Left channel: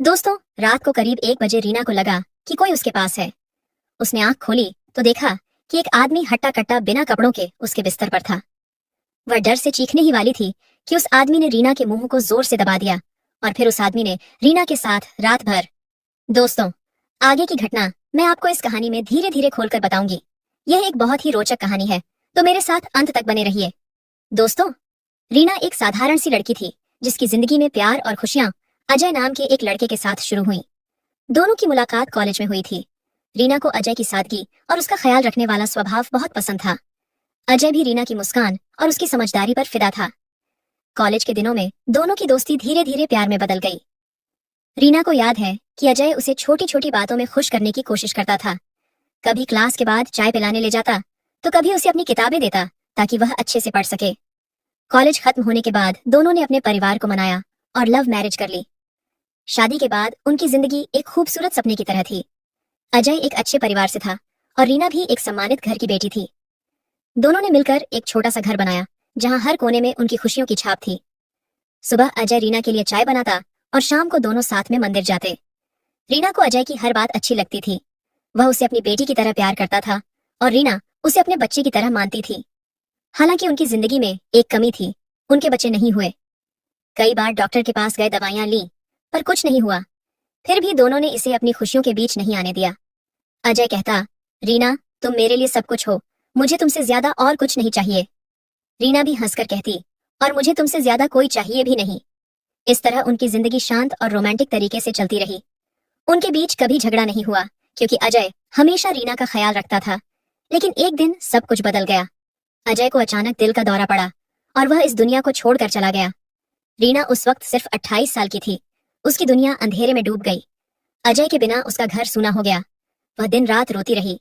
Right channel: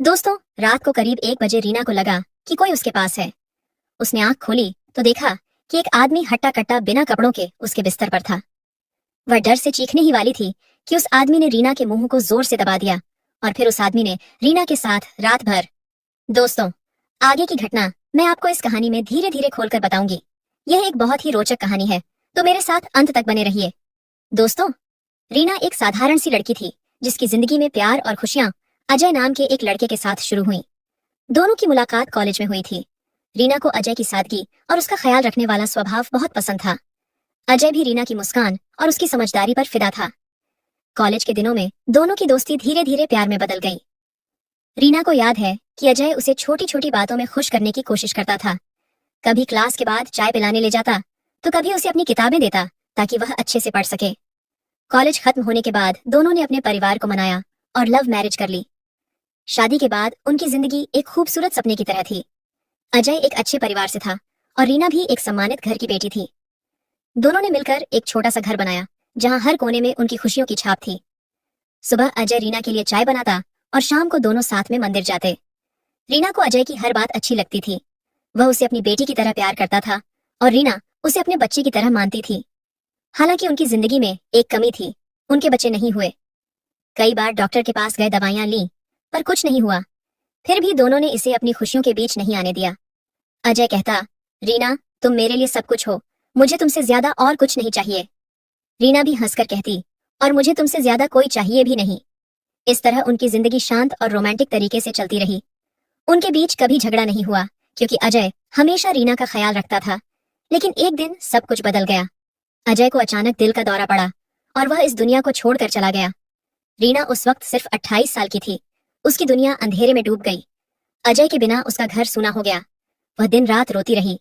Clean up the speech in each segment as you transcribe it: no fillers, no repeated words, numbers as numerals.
दोस्तों, रात को करीब 1 बजे रीना को लगा कि कोई उसके पास है। उसने आंख खोली तो देखा कि एक आदमी हट्टा कट्टा बिना कपड़ों के उसके बिस्तर पर था। वह डर से चीखने ही वाली थी कि उस आदमी ने रीना के मुंह को जोर से दबा दिया और फिर उस आदमी ने रीना के साथ रात भर। दोस्तों, आगे की घटना मैं आपको इस कहानी में धीरे धीरे खोलकर बताऊंगी। यह एक बहुत ही रोचक कहानी है, तो मेरे साथ अंत तक बने रहिए। दोस्तों, रीना एक साधारण सी लड़की थी जिसकी जिंदगी में प्यार और खुशियां अजय नाम के एक लड़के के साथ शुरू हुई। दोनों की मुलाकात कॉलेज में हुई थी। रीना को अजय की सादगी और उसका ख्याल रखने वाला स्वभाव बहुत पसंद था। अजय भी रीना की मुस्कान और उसकी समझदारी पर फिदा था। कॉलेज के दिनों में दोनों की दोस्ती धीरे धीरे प्यार में बदल गई। रीना को याद है कि अजय उसे छोटी छोटी बातों में खुश करने की कोशिश करता था। कभी क्लास के बाद चाय पिलाने ले जाता, तो कभी उसे अपनी किताबें देता ताकि वह अच्छे से पढ़ सके। कॉलेज खत्म होने के बाद दोनों ने अपने परिवार को मनाया और लव मैरिज कर ली। शादी के बाद उनकी जिंदगी एक खूबसूरत सपने की तरह थी। अजय एक अच्छे परिवार से था और रीना भी एक सम्मानित घर की बेटी थी। दोनों ने मिलकर एक छोटा सा घर बनाया जहां हर कोने में उनकी खुशियों की छाप थी। सुबह अजय रीना के लिए चाय बनाता और शाम को दोनों साथ में मंदिर जाते। रीना को अजय की हर बात अच्छी लगती थी। वह उसे अपनी बेटी की तरह प्यार करता था और रीना उसे अपने बच्चे की तरह मानती थी। हालांकि उनकी जिंदगी में एक कमी थी, उनके बच्चे नहीं हुए। कई बार डॉक्टर के पास गए, दवाइयां ली, पर कुछ नहीं हुआ। फिर भी दोनों ने इसे अपनी खुशियों के बीच नहीं आने दिया। अजय कहता, रीना, तुम मेरे लिए सब कुछ हो, मुझे तुमसे ज्यादा और कुछ नहीं चाहिए। रीना भी हंसकर कहती, और मुझे तुमसे ज्यादा कोई चाहिए भी नहीं। इस तरह उनकी जिंदगी शांत और रोमांटिक तरीके से चलती रही। उनके बीच कभी झगड़ा नहीं हुआ क्योंकि अजय हमेशा रीना का ख्याल रखता था। लेकिन एक दिन सब कुछ बदल गया। अजय को अचानक दिल का दौरा पड़ा और वह इस दुनिया को छोड़कर चला गया। रीना उस वक्त सिर्फ 28 साल की थी। उसकी दुनिया अंधेरे में डूब गई। अजय के बिना उसका घर सूना हो गया। वह दिन रात रोती रही।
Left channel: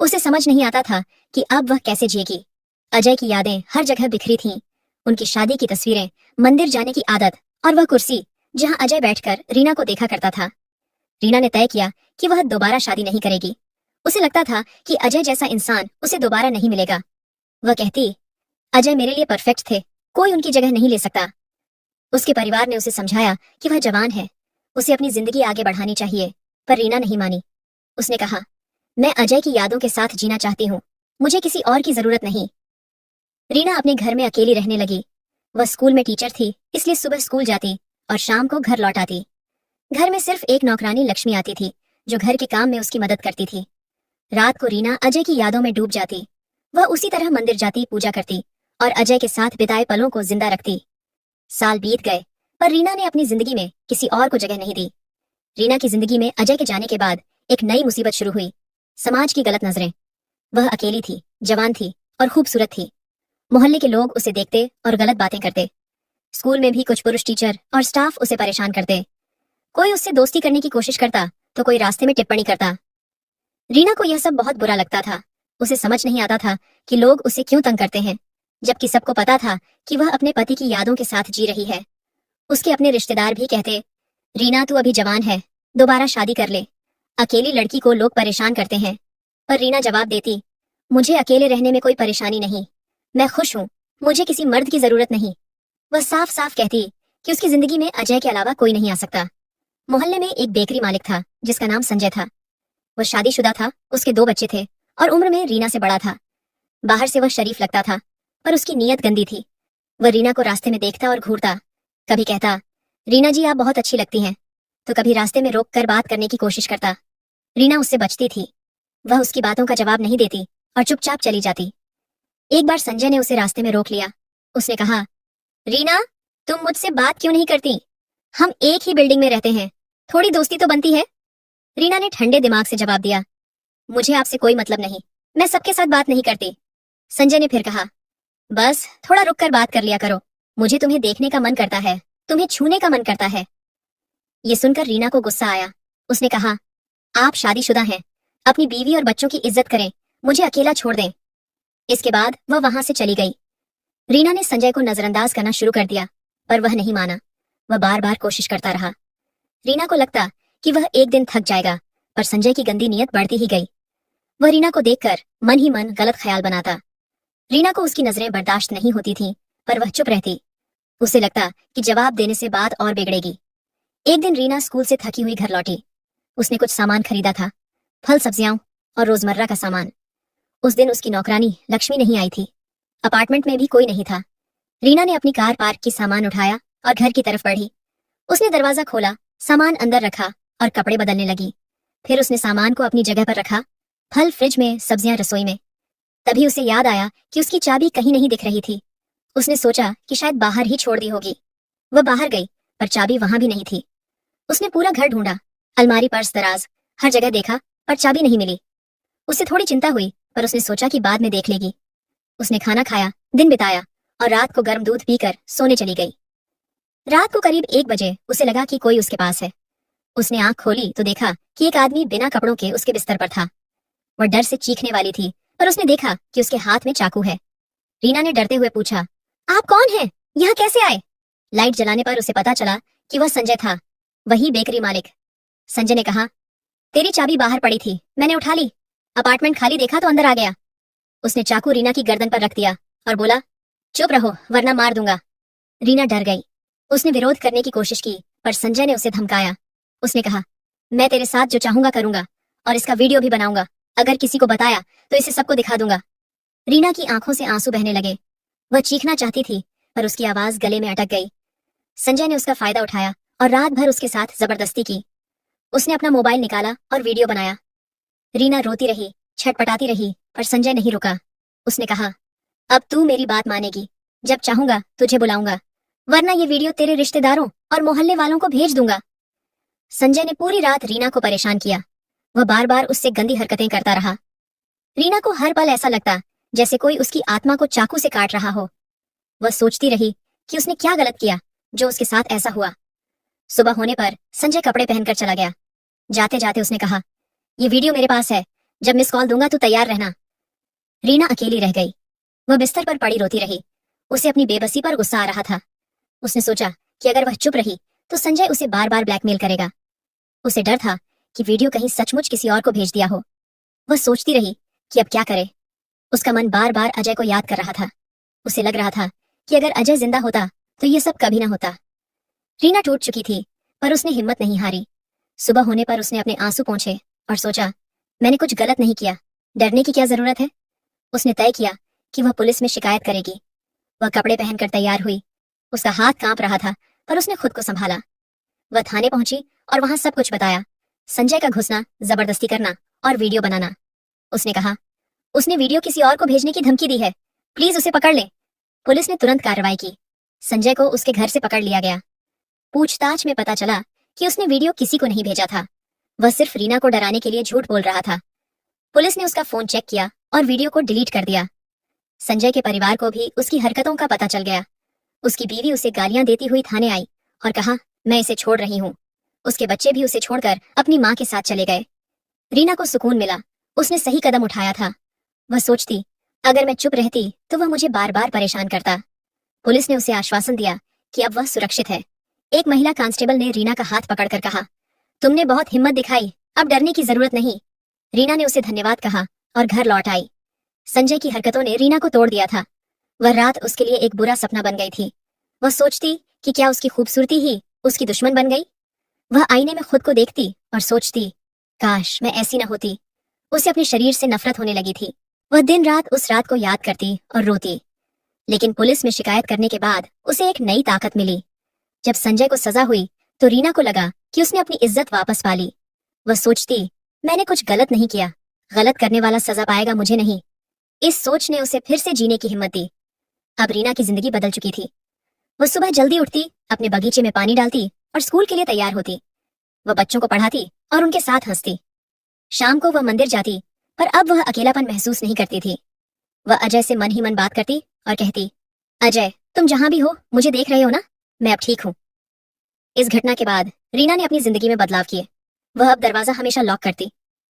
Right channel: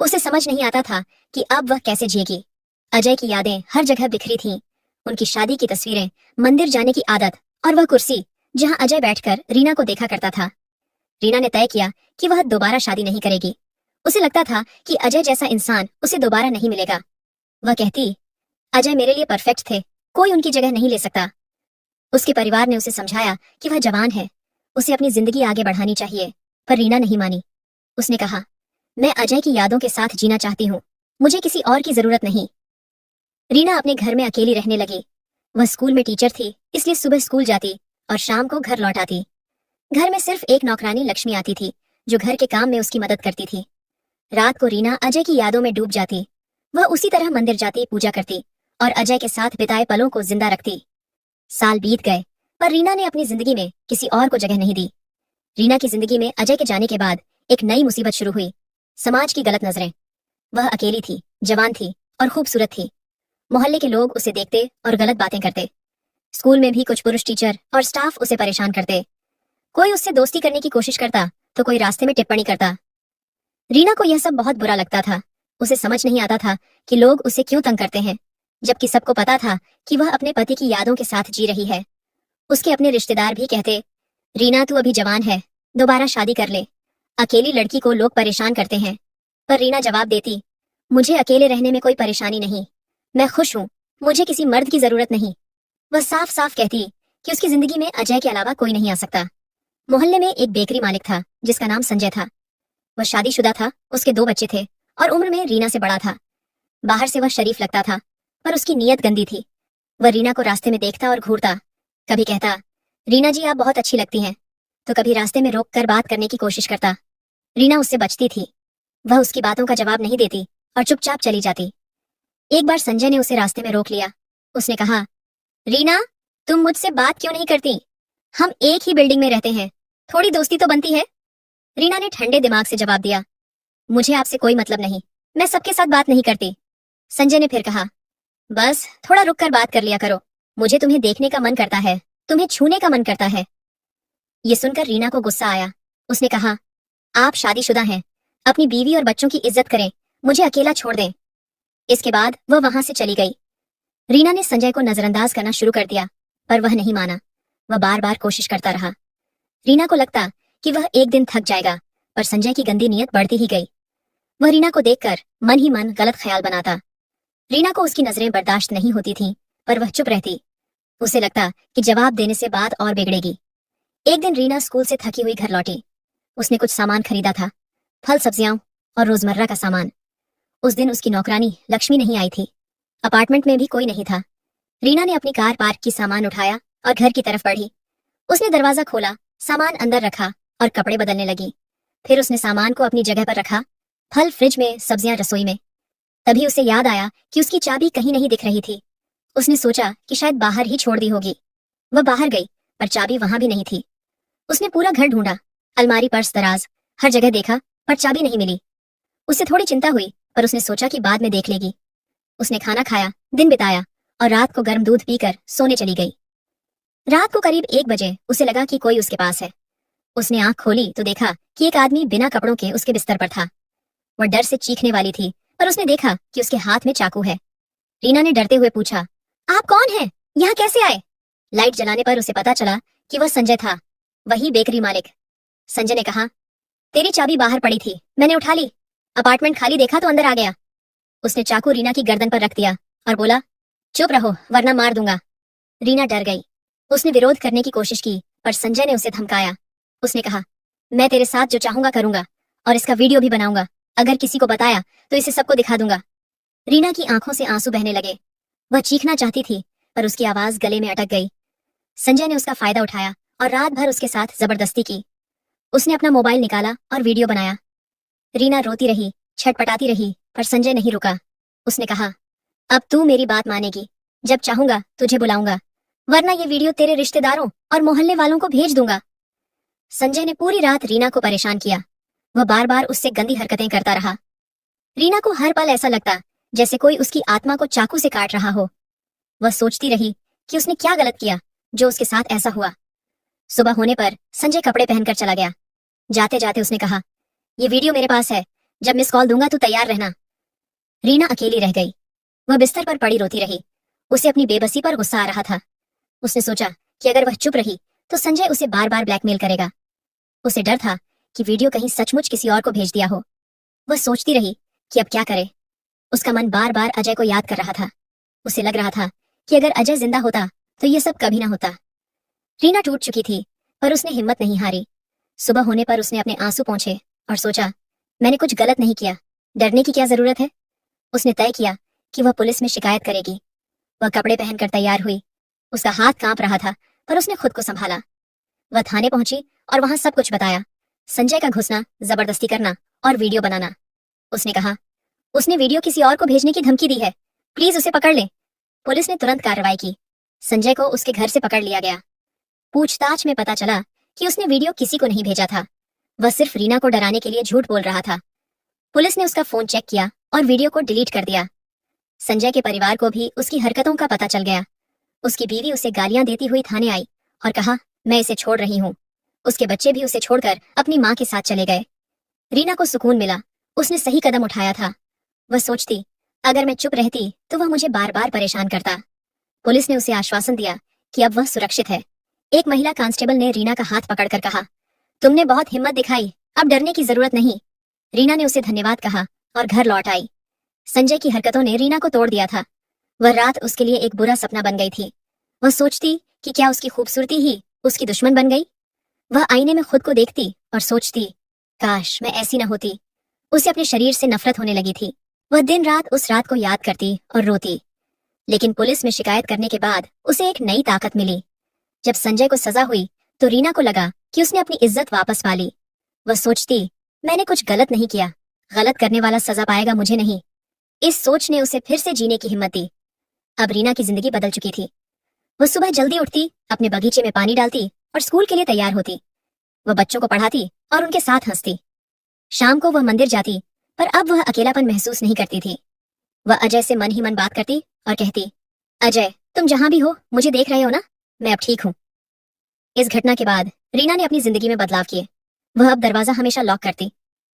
उसे समझ नहीं आता था कि अब वह कैसे जिएगी। अजय की यादें हर जगह बिखरी थीं। उनकी शादी की तस्वीरें, मंदिर जाने की आदत और वह कुर्सी जहां अजय बैठकर रीना को देखा करता था। रीना ने तय किया कि वह दोबारा शादी नहीं करेगी। उसे लगता था कि अजय जैसा इंसान उसे दोबारा नहीं मिलेगा। वह कहती, अजय मेरे लिए परफेक्ट थे, कोई उनकी जगह नहीं ले सकता। उसके परिवार ने उसे समझाया कि वह जवान है, उसे अपनी जिंदगी आगे बढ़ानी चाहिए, पर रीना नहीं मानी। उसने कहा, मैं अजय की यादों के साथ जीना चाहती हूँ, मुझे किसी और की जरूरत नहीं। रीना अपने घर में अकेली रहने लगी। वह स्कूल में टीचर थी, इसलिए सुबह स्कूल जाती और शाम को घर लौट आती। घर में सिर्फ एक नौकरानी लक्ष्मी आती थी जो घर के काम में उसकी मदद करती थी। रात को रीना अजय की यादों में डूब जाती। वह उसी तरह मंदिर जाती, पूजा करती और अजय के साथ बिताए पलों को जिंदा रखती। साल बीत गए, पर रीना ने अपनी जिंदगी में किसी और को जगह नहीं दी। रीना की जिंदगी में अजय के जाने के बाद एक नई मुसीबत शुरू हुई। समाज की गलत नजरें। वह अकेली थी, जवान थी और खूबसूरत थी। मोहल्ले के लोग उसे देखते और गलत बातें करते। स्कूल में भी कुछ पुरुष टीचर और स्टाफ उसे परेशान करते। कोई उससे दोस्ती करने की कोशिश करता तो कोई रास्ते में टिप्पणी करता। रीना को यह सब बहुत बुरा लगता था। उसे समझ नहीं आता था कि लोग उसे क्यों तंग करते हैं, जबकि सबको पता था कि वह अपने पति की यादों के साथ जी रही है। उसके अपने रिश्तेदार भी कहते, रीना तू अभी जवान है, दोबारा शादी कर ले। अकेली लड़की को लोग परेशान करते हैं। पर रीना जवाब देती, मुझे अकेले रहने में कोई परेशानी नहीं, मैं खुश हूँ, मुझे किसी मर्द की जरूरत नहीं। वह साफ साफ कहती कि उसकी जिंदगी में अजय के अलावा कोई नहीं आ सकता। मोहल्ले में एक बेकरी मालिक था जिसका नाम संजय था। वह शादीशुदा था, उसके 2 बच्चे थे और उम्र में रीना से बड़ा था। बाहर से वह शरीफ लगता था, पर उसकी नीयत गंदी थी। वह रीना को रास्ते में देखता और घूरता। कभी कहता, रीना जी आप बहुत अच्छी लगती हैं, तो कभी रास्ते में रोक कर बात करने की कोशिश करता। रीना उससे बचती थी। वह उसकी बातों का जवाब नहीं देती और चुपचाप चली जाती। एक बार संजय ने उसे रास्ते में रोक लिया। उसने कहा, रीना, तुम मुझसे बात क्यों नहीं करती? हम एक ही बिल्डिंग में रहते हैं, थोड़ी दोस्ती तो बनती है। रीना ने ठंडे दिमाग से जवाब दिया, मुझे आपसे कोई मतलब नहीं, मैं सबके साथ बात नहीं करती। संजय ने फिर कहा, बस थोड़ा रुक कर बात कर लिया करो, मुझे तुम्हें देखने का मन करता है, तुम्हें छूने का मन करता है। ये सुनकर रीना को गुस्सा आया। उसने कहा, आप शादीशुदा हैं, अपनी बीवी और बच्चों की इज्जत करें, मुझे अकेला छोड़ दें। इसके बाद वह वहां से चली गई। रीना ने संजय को नजरअंदाज करना शुरू कर दिया, पर वह नहीं माना। वह बार बार कोशिश करता रहा। रीना को लगता कि वह एक दिन थक जाएगा, पर संजय की गंदी नीयत बढ़ती ही गई। वह रीना को देखकर मन ही मन गलत ख्याल बनाता। रीना को उसकी नजरें बर्दाश्त नहीं होती थीं, पर वह चुप रहती। उसे लगता कि जवाब देने से बात और बिगड़ेगी। एक दिन रीना स्कूल से थकी हुई घर लौटी। उसने कुछ सामान खरीदा था, फल सब्जियां और रोजमर्रा का सामान। उस दिन उसकी नौकरानी लक्ष्मी नहीं आई थी। अपार्टमेंट में भी कोई नहीं था। रीना ने अपनी कार पार्क की, सामान उठाया और घर की तरफ बढ़ी। उसने दरवाजा खोला, सामान अंदर रखा और कपड़े बदलने लगी। फिर उसने सामान को अपनी जगह पर रखा, फल फ्रिज में, सब्जियां रसोई में। तभी उसे याद आया कि उसकी चाबी कहीं नहीं दिख रही थी। उसने सोचा कि शायद बाहर ही छोड़ दी होगी। वह बाहर गई, पर चाबी वहां भी नहीं थी। उसने पूरा घर ढूंढा, अलमारी, पर्स, दराज, हर जगह देखा, पर चाबी नहीं मिली। उसे थोड़ी चिंता हुई, पर उसने सोचा कि बाद में देख लेगी। उसने खाना खाया, दिन बिताया और रात को गर्म दूध पीकर सोने चली गई। रात को करीब 1 बजे उसे लगा कि कोई उसके पास है। उसने आंख खोली तो देखा कि एक आदमी बिना कपड़ों के उसके बिस्तर पर था। वह डर से चीखने वाली थी, पर उसने देखा कि उसके हाथ में चाकू है। रीना ने डरते हुए पूछा, आप कौन हैं? यहाँ कैसे आए? लाइट जलाने पर उसे पता चला कि वह संजय था, वही बेकरी मालिक। संजय ने कहा, तेरी चाबी बाहर पड़ी थी, मैंने उठा ली। अपार्टमेंट खाली देखा तो अंदर आ गया। उसने चाकू रीना की गर्दन पर रख दिया और बोला, चुप रहो वरना मार दूंगा। रीना डर गई। उसने विरोध करने की कोशिश की, पर संजय ने उसे धमकाया। उसने कहा, मैं तेरे साथ जो चाहूंगा करूंगा और इसका वीडियो भी बनाऊंगा। अगर किसी को बताया तो इसे सबको दिखा दूंगा। रीना की आंखों से आंसू बहने लगे। वह चीखना चाहती थी, पर उसकी आवाज गले में अटक गई। संजय ने उसका फायदा उठाया और रात भर उसके साथ जबरदस्ती की। उसने अपना मोबाइल निकाला और वीडियो बनाया। रीना रोती रही, छटपटाती रही, पर संजय नहीं रुका। उसने कहा, अब तू मेरी बात मानेगी। जब चाहूंगा तुझे बुलाऊंगा, वरना ये वीडियो तेरे रिश्तेदारों और मोहल्ले वालों को भेज दूंगा। संजय ने पूरी रात रीना को परेशान किया। वह बार बार उससे गंदी हरकतें करता रहा। रीना को हर पल ऐसा लगता जैसे कोई उसकी आत्मा को चाकू से काट रहा हो। वह सोचती रही कि उसने क्या गलत किया जो उसके साथ ऐसा हुआ। सुबह होने पर संजय कपड़े पहनकर चला गया। जाते जाते उसने कहा, ये वीडियो मेरे पास है, जब मिस कॉल दूंगा तो तैयार रहना। रीना अकेली रह गई। वह बिस्तर पर पड़ी रोती रही। उसे अपनी बेबसी पर गुस्सा आ रहा था। उसने सोचा कि अगर वह चुप रही तो संजय उसे बार बार ब्लैकमेल करेगा। उसे डर था कि वीडियो कहीं सचमुच किसी और को भेज दिया हो। वह सोचती रही कि अब क्या करे। उसका मन बार बार अजय को याद कर रहा था। उसे लग रहा था कि अगर अजय जिंदा होता तो ये सब कभी ना होता। रीना टूट चुकी थी, पर उसने हिम्मत नहीं हारी। सुबह होने पर उसने अपने आंसू पोंछे और सोचा, मैंने कुछ गलत नहीं किया, डरने की क्या जरूरत है। उसने तय किया कि वह पुलिस में शिकायत करेगी। वह कपड़े पहनकर तैयार हुई। उसका हाथ कांप रहा था, पर उसने खुद को संभाला। वह थाने पहुंची और वहां सब कुछ बताया। संजय का घुसना, जबरदस्ती करना और वीडियो बनाना। उसने कहा, उसने वीडियो किसी और को भेजने की धमकी दी है, प्लीज उसे पकड़ ले। पुलिस ने तुरंत कार्रवाई की। संजय को उसके घर से पकड़ लिया गया। पूछताछ में पता चला कि उसने वीडियो किसी को नहीं भेजा था। वह सिर्फ रीना को डराने के लिए झूठ बोल रहा था। पुलिस ने उसका फोन चेक किया और वीडियो को डिलीट कर दिया। संजय के परिवार को भी उसकी हरकतों का पता चल गया। उसकी बीवी उसे गालियां देती हुई थाने आई और कहा, मैं इसे छोड़ रही हूँ। उसके बच्चे भी उसे छोड़कर अपनी माँ के साथ चले गए। रीना को सुकून मिला। उसने सही कदम उठाया था। वह सोचती, अगर मैं चुप रहती तो वह मुझे बार बार परेशान करता। पुलिस ने उसे आश्वासन दिया कि अब वह सुरक्षित है। एक महिला कांस्टेबल ने रीना का हाथ पकड़कर कहा, तुमने बहुत हिम्मत दिखाई, अब डरने की जरूरत नहीं। रीना ने उसे धन्यवाद कहा और घर लौट आई। संजय की हरकतों ने रीना को तोड़ दिया था। वह रात उसके लिए एक बुरा सपना बन गई थी। वह सोचती कि क्या उसकी खूबसूरती ही उसकी दुश्मन बन गई। वह आईने में खुद को देखती और सोचती, काश मैं ऐसी न होती। उसे अपने शरीर से नफरत होने लगी थी। वह दिन रात उस रात को याद करती और रोती। लेकिन पुलिस में शिकायत करने के बाद उसे एक नई ताकत मिली। जब संजय को सजा हुई तो रीना को लगा कि उसने अपनी इज्जत वापस पा ली। वह सोचती, मैंने कुछ गलत नहीं किया, गलत करने वाला सजा पाएगा, मुझे नहीं। इस सोच ने उसे फिर से जीने की हिम्मत दी। अब रीना की जिंदगी बदल चुकी थी। वह सुबह जल्दी उठती, अपने बगीचे में पानी डालती और स्कूल के लिए तैयार होती। वह बच्चों को पढ़ाती और उनके साथ हंसती। शाम को वह मंदिर जाती, पर अब वह अकेलापन महसूस नहीं करती थी। वह अजय से मन ही मन बात करती और कहती, अजय, तुम जहां भी हो मुझे देख रहे हो ना, मैं अब ठीक हूँ। इस घटना के बाद रीना ने अपनी जिंदगी में बदलाव किए। वह अब दरवाजा हमेशा लॉक करती,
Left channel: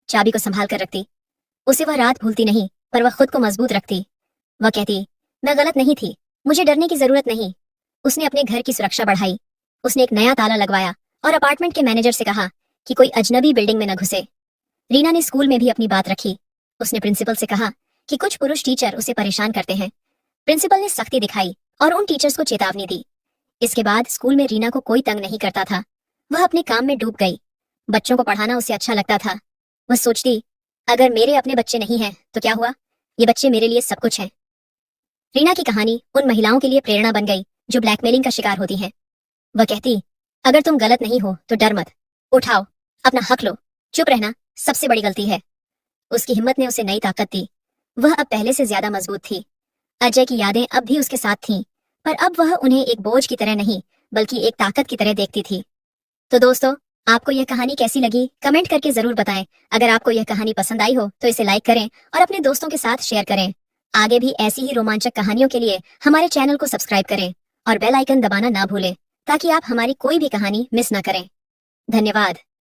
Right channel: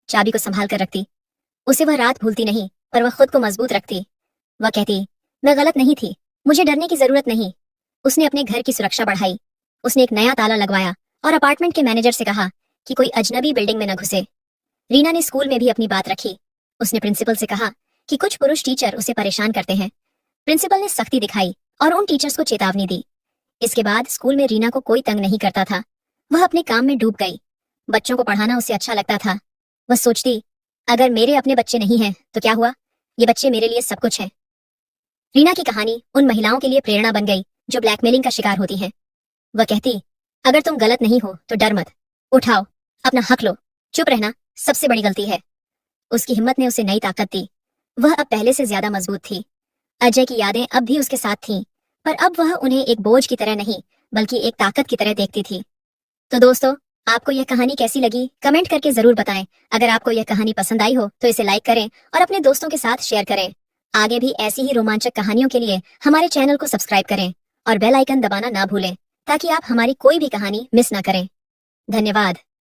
चाबी को संभाल कर रखती। उसे वह रात भूलती नहीं, पर वह खुद को मजबूत रखती। वह कहती, मैं गलत नहीं थी, मुझे डरने की जरूरत नहीं। उसने अपने घर की सुरक्षा बढ़ाई। उसने एक नया ताला लगवाया और अपार्टमेंट के मैनेजर से कहा कि कोई अजनबी बिल्डिंग में न घुसे। रीना ने स्कूल में भी अपनी बात रखी। उसने प्रिंसिपल से कहा कि कुछ पुरुष टीचर उसे परेशान करते हैं। प्रिंसिपल ने सख्ती दिखाई और उन टीचर्स को चेतावनी दी। इसके बाद स्कूल में रीना को कोई तंग नहीं करता था। वह अपने काम में डूब गई। बच्चों को पढ़ाना उसे अच्छा लगता था। वह सोचती, अगर मेरे अपने बच्चे नहीं हैं तो क्या हुआ, ये बच्चे मेरे लिए सब कुछ हैं। रीना की कहानी उन महिलाओं के लिए प्रेरणा बन गई जो ब्लैकमेलिंग का शिकार होती हैं। वह कहती, अगर तुम गलत नहीं हो तो डर मत, उठाओ, अपना हक लो, चुप रहना सबसे बड़ी गलती है। उसकी हिम्मत ने उसे नई ताकत दी। वह अब पहले से ज्यादा मजबूत थी। अजय की यादें अब भी उसके साथ थीं, पर अब वह उन्हें एक बोझ की तरह नहीं, बल्कि एक ताकत की तरह देखती थी। तो दोस्तों, आपको यह कहानी कैसी लगी कमेंट करके जरूर बताएं। अगर आपको यह कहानी पसंद आई हो तो इसे लाइक करें और अपने दोस्तों के साथ शेयर करें। आगे भी ऐसी ही रोमांचक कहानियों के लिए हमारे चैनल को सब्सक्राइब करें और बेल आइकन दबाना ना भूलें, ताकि आप हमारी कोई भी कहानी मिस ना करें। धन्यवाद।